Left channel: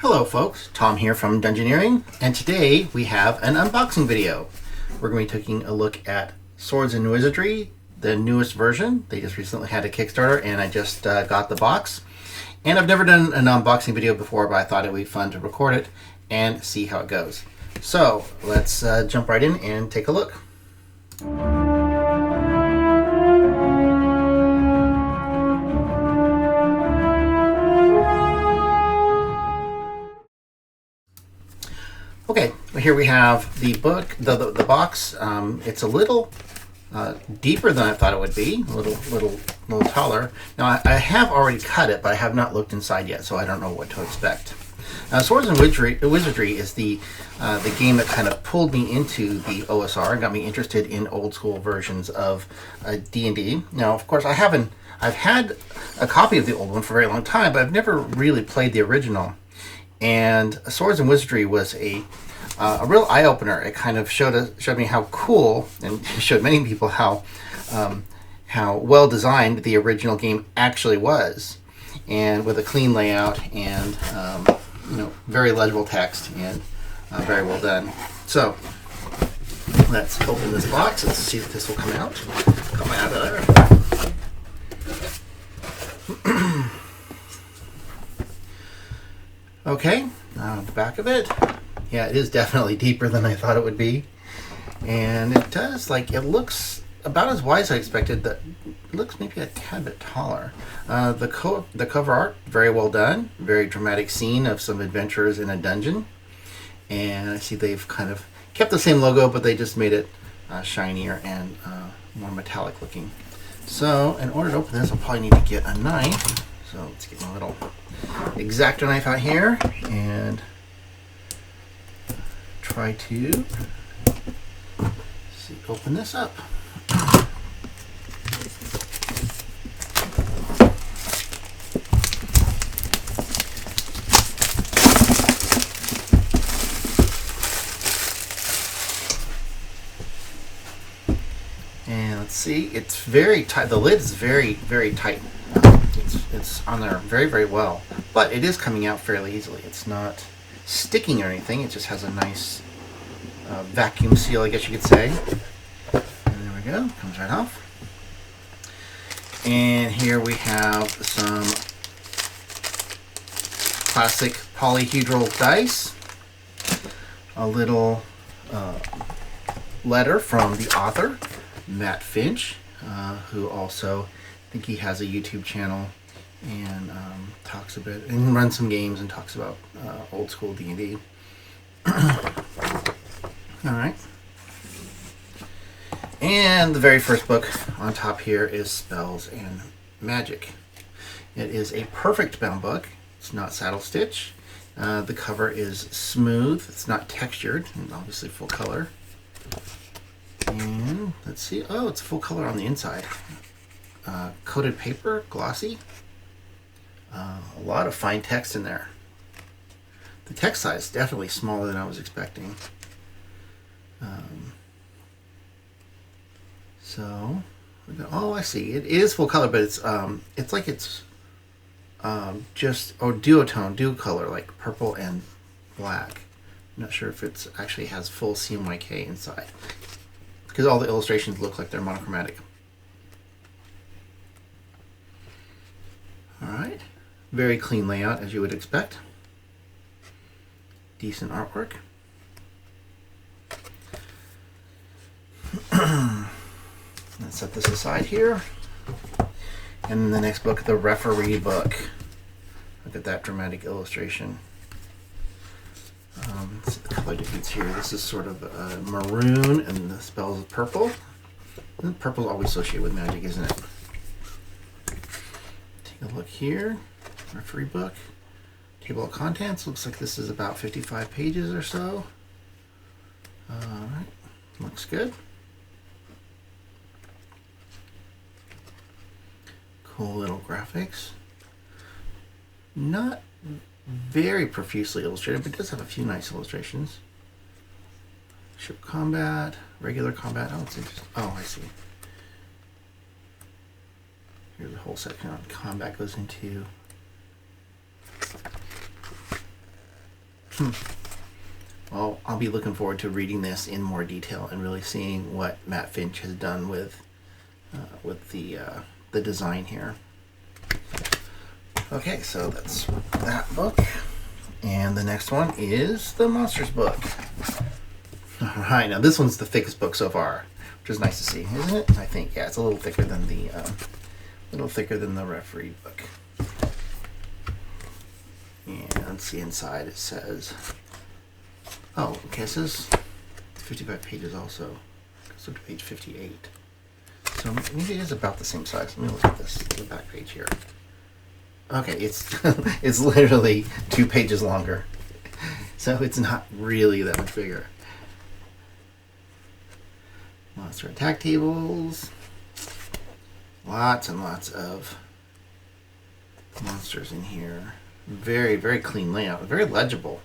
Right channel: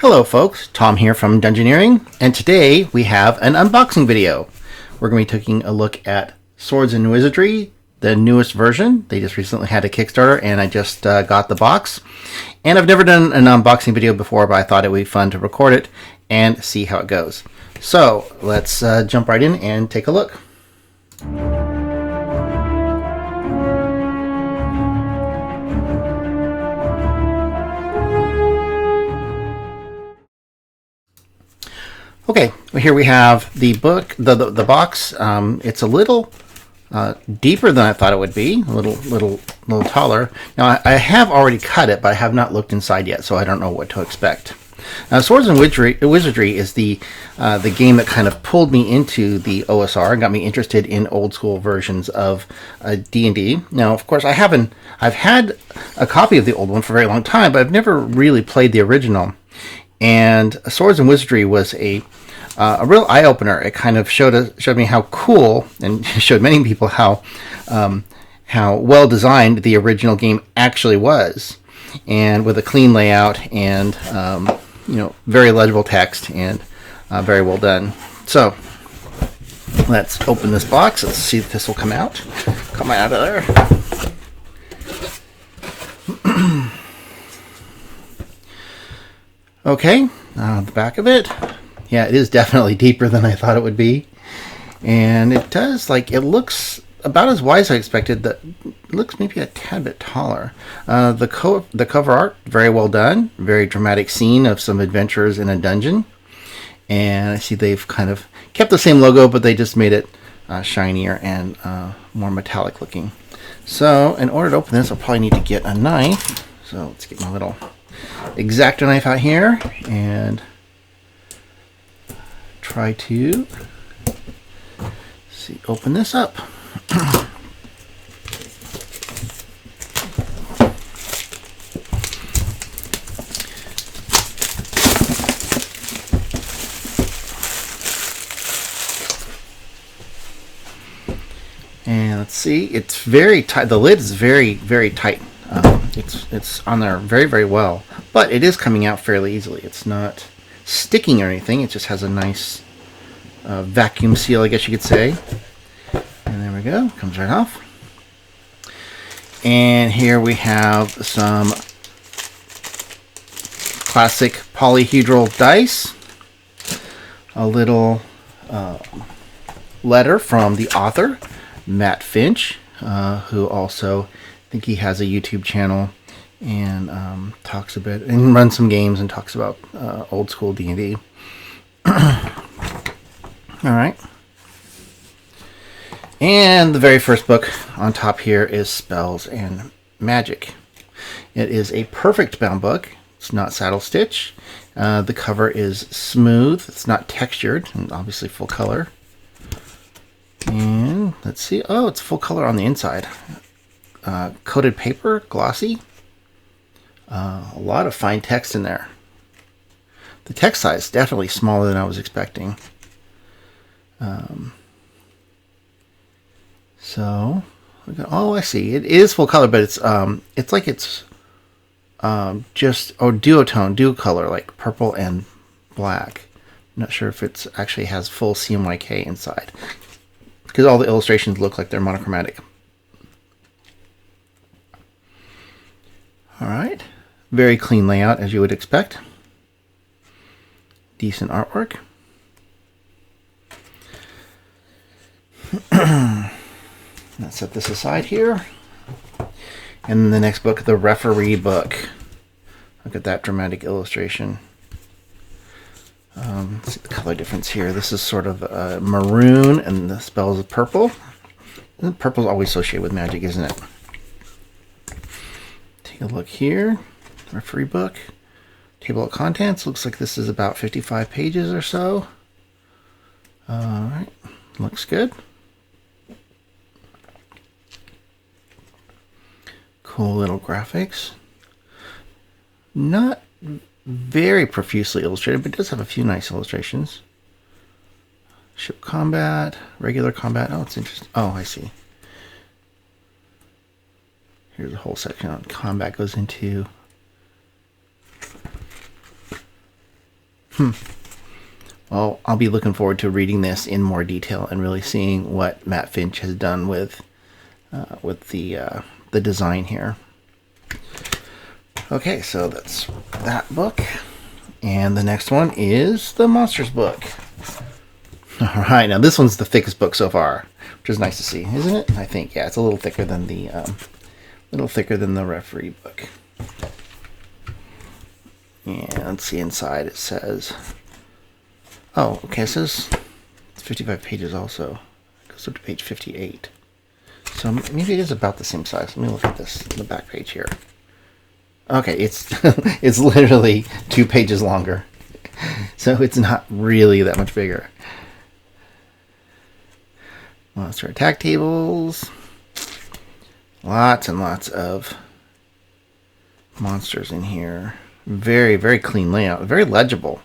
Hello folks, Tom here from Dungeoneering, and today we have an unboxing video. We're going to be taking a look at Swords and Wizardry, the newest version. They just recently had a Kickstarter and I just got the box. And I've never done an unboxing video before, but I thought it would be fun to record it and see how it goes. So let's jump right in and take a look. Okay, well, here we have the book, the box. It's a little deeper than I thought it would be, a little taller. Now I have already cut it, but I have not looked inside yet, so I don't know what to expect. Now, Swords and Wizardry is the game that kind of pulled me into the OSR and got me interested in old school versions of D&D. Now, of course, I've had a copy of the old one for a very long time, but I've never really played the original. And Swords and Wizardry was a real eye-opener. It kind of showed me how cool, and showed many people how well designed the original game actually was, and with a clean layout and very legible text and very well done. So let's open this box. Let's see if this will come out of there. Okay, the back of it. Yeah, it is definitely deeper than I thought it would be. And it does, it looks about as wide as I expected. It looks maybe a tad bit taller. The cover art, very well done. Very dramatic scene of some adventurers in a dungeon. And I see they've kind of kept the same logo, but they just made it shinier and more metallic looking. So, in order to open this, I'll probably need to get a knife. So, let's get my little X-Acto knife out here and try to open this up. And let's see, it's very tight. The lid is very, very tight. It's on there very, very well, but it is coming out fairly easily. It's not sticking or anything. It just has a nice vacuum seal, I guess you could say. And there we go. Comes right off. And here we have some classic polyhedral dice. A little letter from the author, Matt Finch, who also, I think he has a YouTube channel and talks a bit and runs some games and talks about old school D&D. All right. And the very first book on top here is Spells and Magic. It is a perfect bound book. It's not saddle stitch. The cover is smooth. It's not textured, and obviously full color. And let's see. Oh, it's full color on the inside. Coated paper, glossy. A lot of fine text in there. The text size is definitely smaller than I was expecting. So, oh, I see. It is full color, but it's just duo color, like purple and black. I'm not sure if it's actually has full CMYK inside, because all the illustrations look like they're monochromatic. All right. Very clean layout, as you would expect. Decent artwork. Let's set this aside here. And the next book, the referee book. Look at that dramatic illustration. Let's see the color difference here. This is sort of maroon, and the spells of purple. And purple is always associated with magic, isn't it? Take a look here. Referee book. Table of contents. Looks like this is about 55 pages or so. Alright. Looks good. Cool little graphics. Not very profusely illustrated, but it does have a few nice illustrations. Ship combat, regular combat. Oh, it's interesting. Oh, I see. Here's a whole section on combat goes into Well, I'll be looking forward to reading this in more detail and really seeing what Matt Finch has done with the design here. Okay, so that's that book. And the next one is the Monsters book. Alright, now this one's the thickest book so far, which is nice to see, isn't it? I think, yeah, it's a little thicker than the referee book. And let's see inside, it says, oh, okay, it says 55 pages also. It goes up to page 58. So maybe it is about the same size. Let me look at this, the back page here. Okay, it's it's literally 2 pages longer. So it's not really that much bigger. Monster attack tables. Lots and lots of monsters in here. Very, very clean layout. Very legible.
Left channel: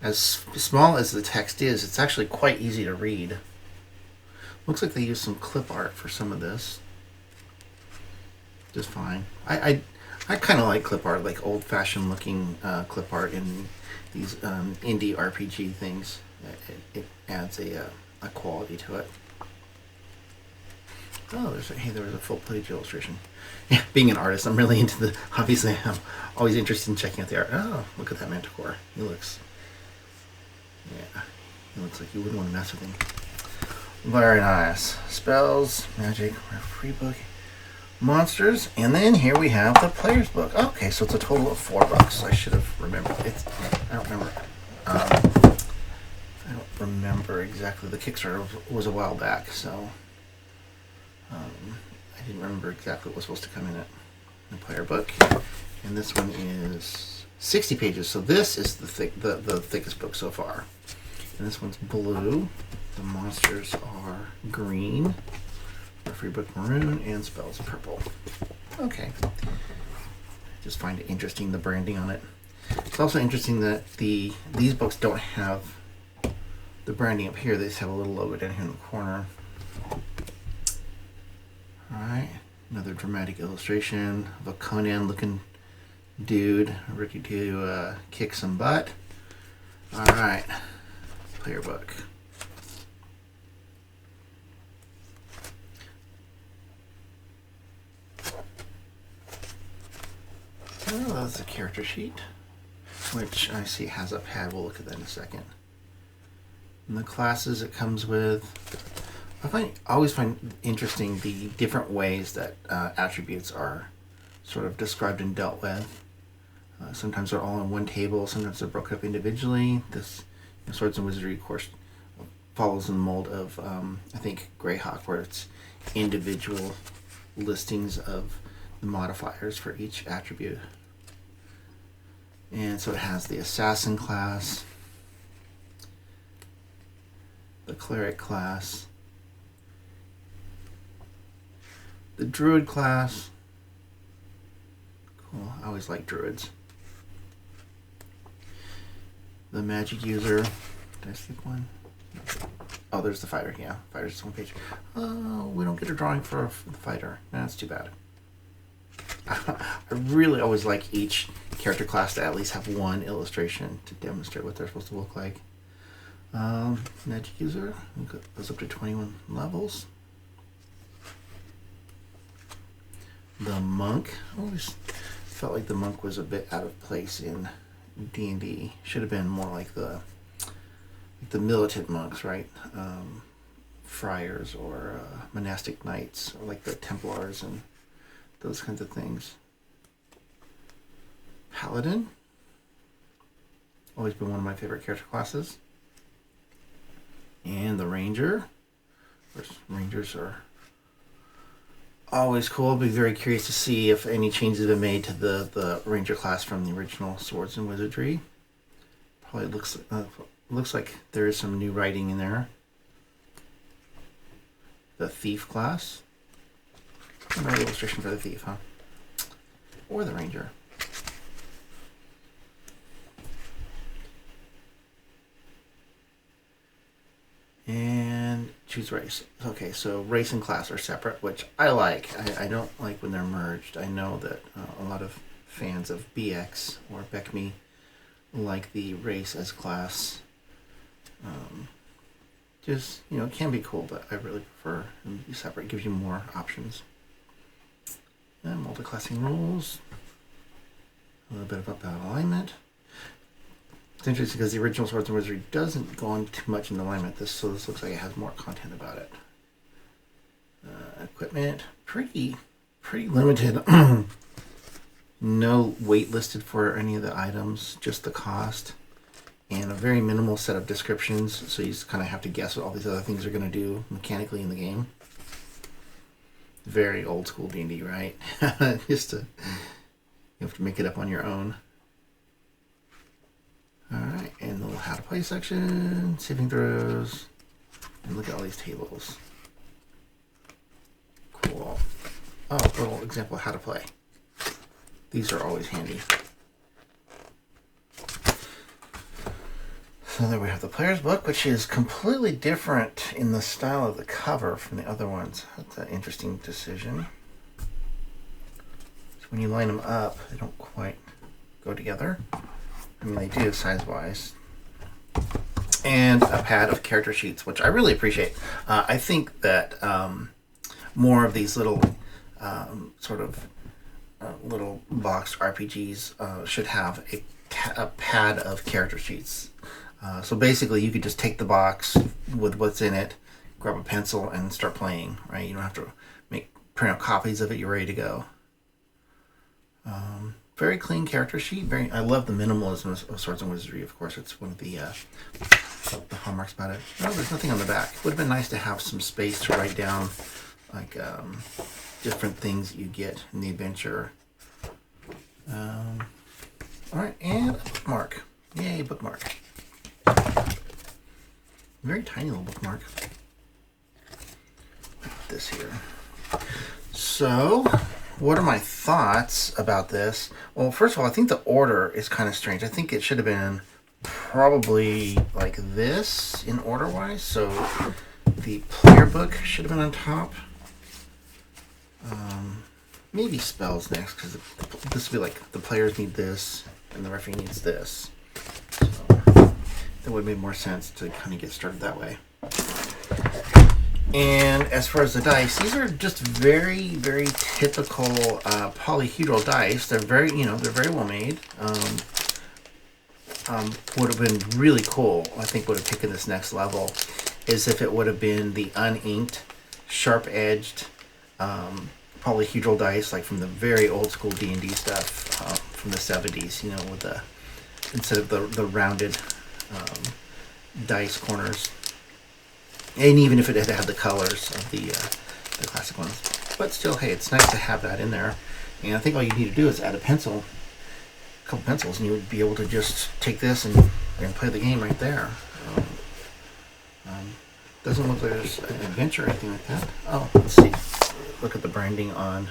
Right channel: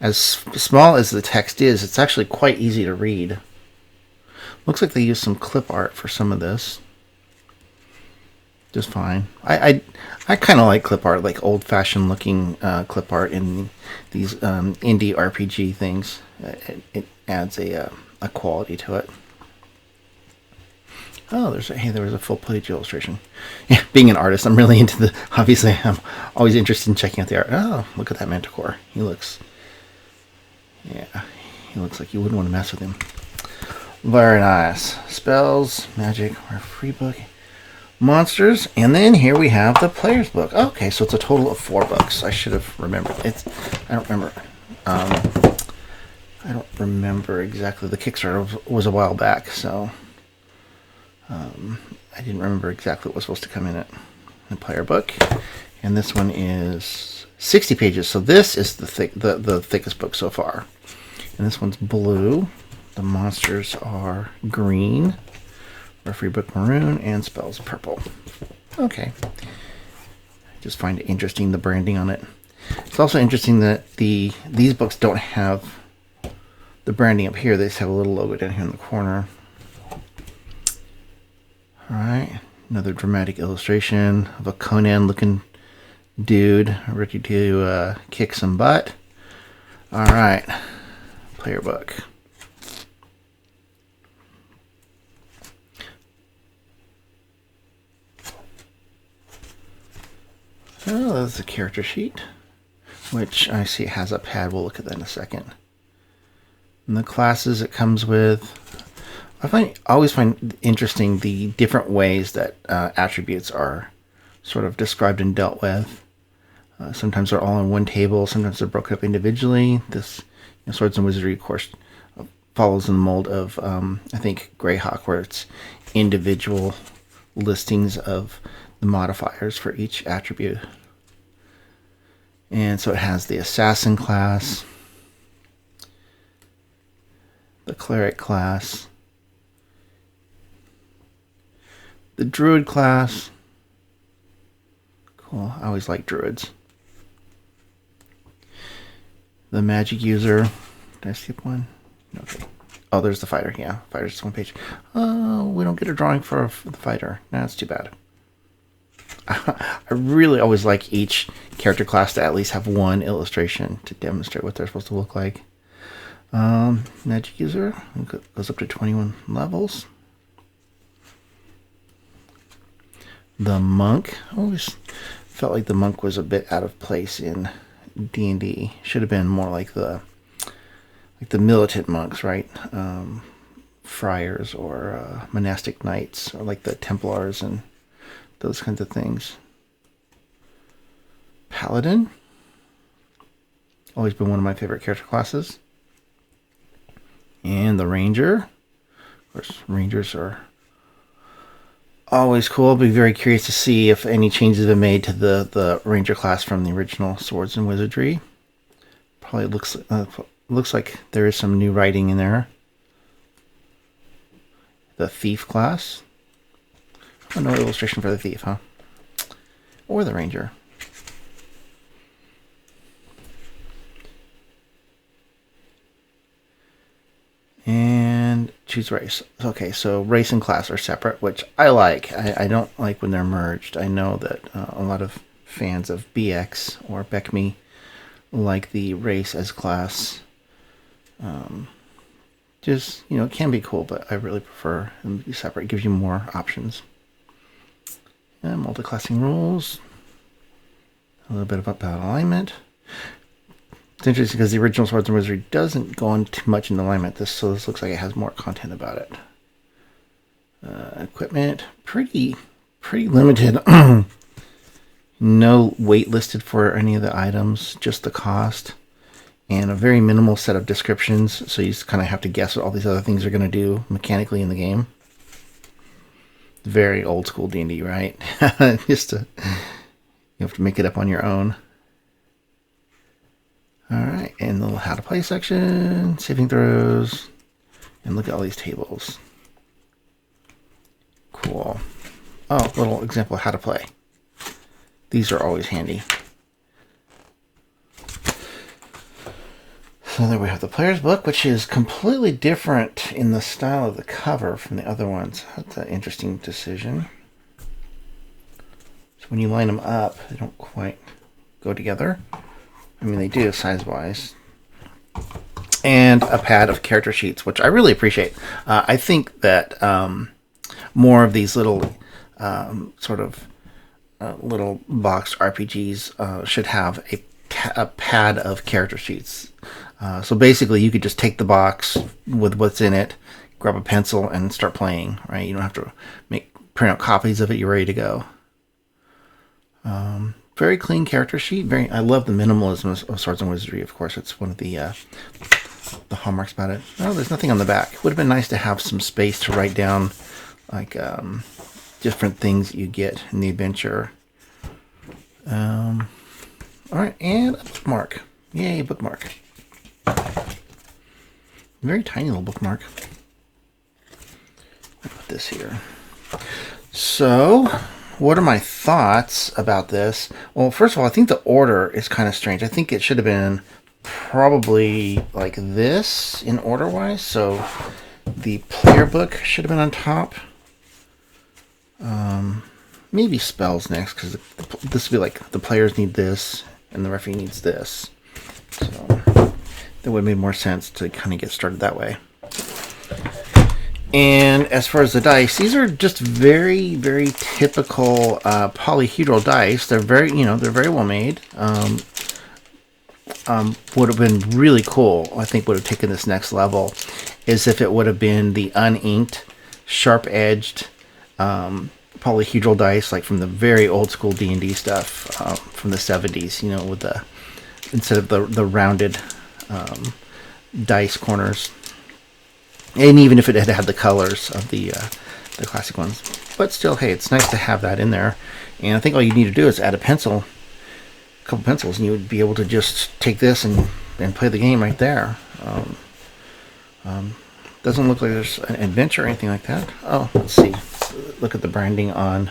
As small as the text is, it's actually quite easy to read. Looks like they used some clip art for some of this. Just fine. I kind of like clip art, like old-fashioned looking clip art in these indie RPG things. It adds a quality to it. Oh, there was a full-page illustration. Yeah, being an artist, I'm really into the. Obviously, I'm always interested in checking out the art. Oh, look at that Manticore. He looks like you wouldn't want to mess with him. Very nice. Spells, magic, free book, monsters, and then here we have the player's book. Okay, so it's a total of 4 books. I should have remembered. I don't remember. I don't remember exactly. The Kickstarter was a while back, so I didn't remember exactly what was supposed to come in it. The player book, and this one is 60 pages. So this is the thickest book so far. And this one's blue. The monsters are green. Free book maroon, and spells purple. Okay. I just find it interesting, the branding on it. It's also interesting that these books don't have the branding up here. They just have a little logo down here in the corner. Alright. Another dramatic illustration of a Conan-looking dude ready to kick some butt. Alright. Player book. Oh, that's a character sheet, which I see has a pad. We'll look at that in a second. And the classes it comes with. I always find interesting the different ways that attributes are sort of described and dealt with. Sometimes they're all on one table. Sometimes they're broken up individually. This Swords and Wizardry, of course, follows in the mold of I think Greyhawk, where it's individual listings of the modifiers for each attribute. And so it has the assassin class, the cleric class, the druid class. Cool, I always like druids. The magic user. Did I skip one? No. Oh, there's the fighter. Yeah, fighter's just one page. Oh, we don't get a drawing for the fighter. That's too bad. I really always like each character class to at least have one illustration to demonstrate what they're supposed to look like. Magic user goes up to 21 levels. The monk. I always felt like the monk was a bit out of place in D&D. Should have been more like the militant monks, right? Friars or monastic knights, or like the Templars and those kinds of things. Paladin. Always been one of my favorite character classes. And the Ranger. Of course, Rangers are always cool. I'll be very curious to see if any changes have been made to the Ranger class from the original Swords and Wizardry. Probably looks like there is some new writing in there. The Thief class. Oh, no illustration for the Thief, huh? Or the Ranger. And choose race. Okay, so race and class are separate, which I like. I don't like when they're merged. I know that a lot of fans of BX or BECME like the race as class. Just, it can be cool, but I really prefer them to be separate. It gives you more options. And multi-classing rules. A little bit about alignment. It's interesting because the original Swords and Wizardry doesn't go on too much in alignment. So this looks like it has more content about it. Equipment, pretty limited. No weight listed for any of the items, just the cost. And a very minimal set of descriptions, so you just kind of have to guess what all these other things are going to do mechanically in the game. Very old school D&D, right? You have to make it up on your own. Alright, and the little how to play section, saving throws, and look at all these tables. Cool. Oh, little example of how to play. These are always handy. So there we have the player's book, which is completely different in the style of the cover from the other ones. That's an interesting decision. So when you line them up, they don't quite go together. I mean, they do size-wise. And a pad of character sheets, which I really appreciate. I think that more of these little little box RPGs should have a pad of character sheets. So basically, you could just take the box with what's in it, grab a pencil, and start playing. Right? You don't have to print out copies of it. You're ready to go. Very clean character sheet. I love the minimalism of Swords and Wizardry. Of course, it's one of the hallmarks about it. Oh, there's nothing on the back. It would have been nice to have some space to write down, like different things that you get in the adventure. All right, and a bookmark. Yay, bookmark. Very tiny little bookmark. I'll put this here. So, what are my thoughts about this? Well, first of all, I think the order is kind of strange. I think it should have been probably like this in order-wise. So, the player book should have been on top. Maybe spells next, because this would be like the players need this and the referee needs this. So that would have made more sense to kind of get started that way. And as far as the dice, these are just very, very typical polyhedral dice. They're very, they're very well made. Would have been really cool, I think would have taken this next level, is if it would have been the uninked, sharp-edged polyhedral dice, like from the very old school D&D stuff from the 70s, with instead of the rounded dice corners. And even if it had the colors of the classic ones. But still, hey, it's nice to have that in there. And I think all you need to do is add a couple pencils, and you would be able to just take this and play the game right there. Doesn't look like there's an adventure or anything like that. Oh, let's see. Look at the branding on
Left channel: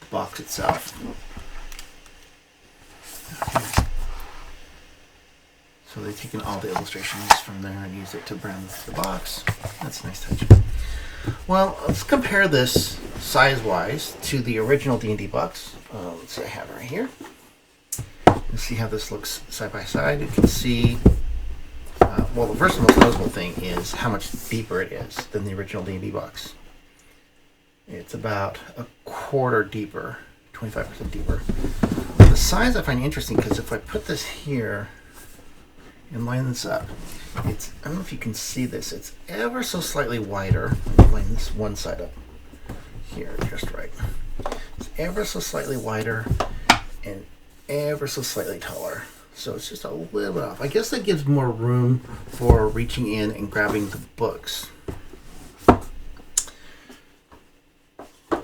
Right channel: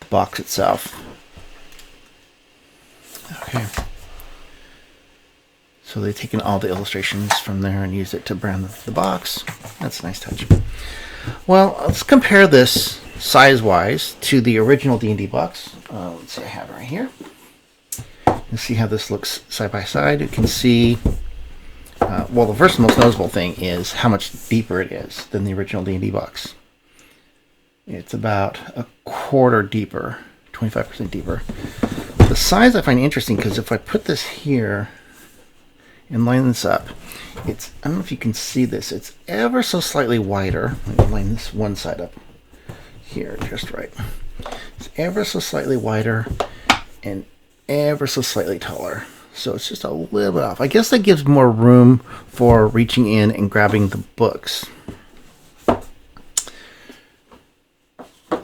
the box itself. Okay. So they've taken all the illustrations from there and used it to brand the box. That's a nice touch. Well, let's compare this size-wise to the original D&D box. Let's see, I have it right here. Let's see how this looks side by side. You can see, well, the first most noticeable thing is how much deeper it is than the original D&D box. It's about a quarter deeper, 25% deeper. The size I find interesting because if I put this here and line this up, I don't know if you can see this, it's ever so slightly wider. Let me line this one side up here just right. It's ever so slightly wider and ever so slightly taller. So it's just a little bit off. I guess that gives more room for reaching in and grabbing the books.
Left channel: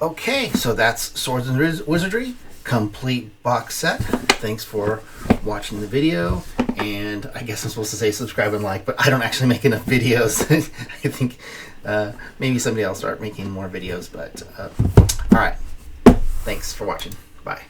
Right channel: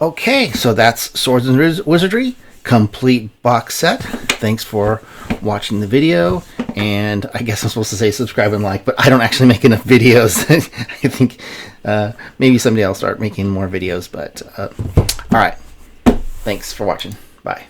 Okay, so that's Swords and Wizardry, complete box set. Thanks for watching the video. And I guess I'm supposed to say subscribe and like, but I don't actually make enough videos. I think maybe somebody else will start making more videos. But all right, thanks for watching. Bye.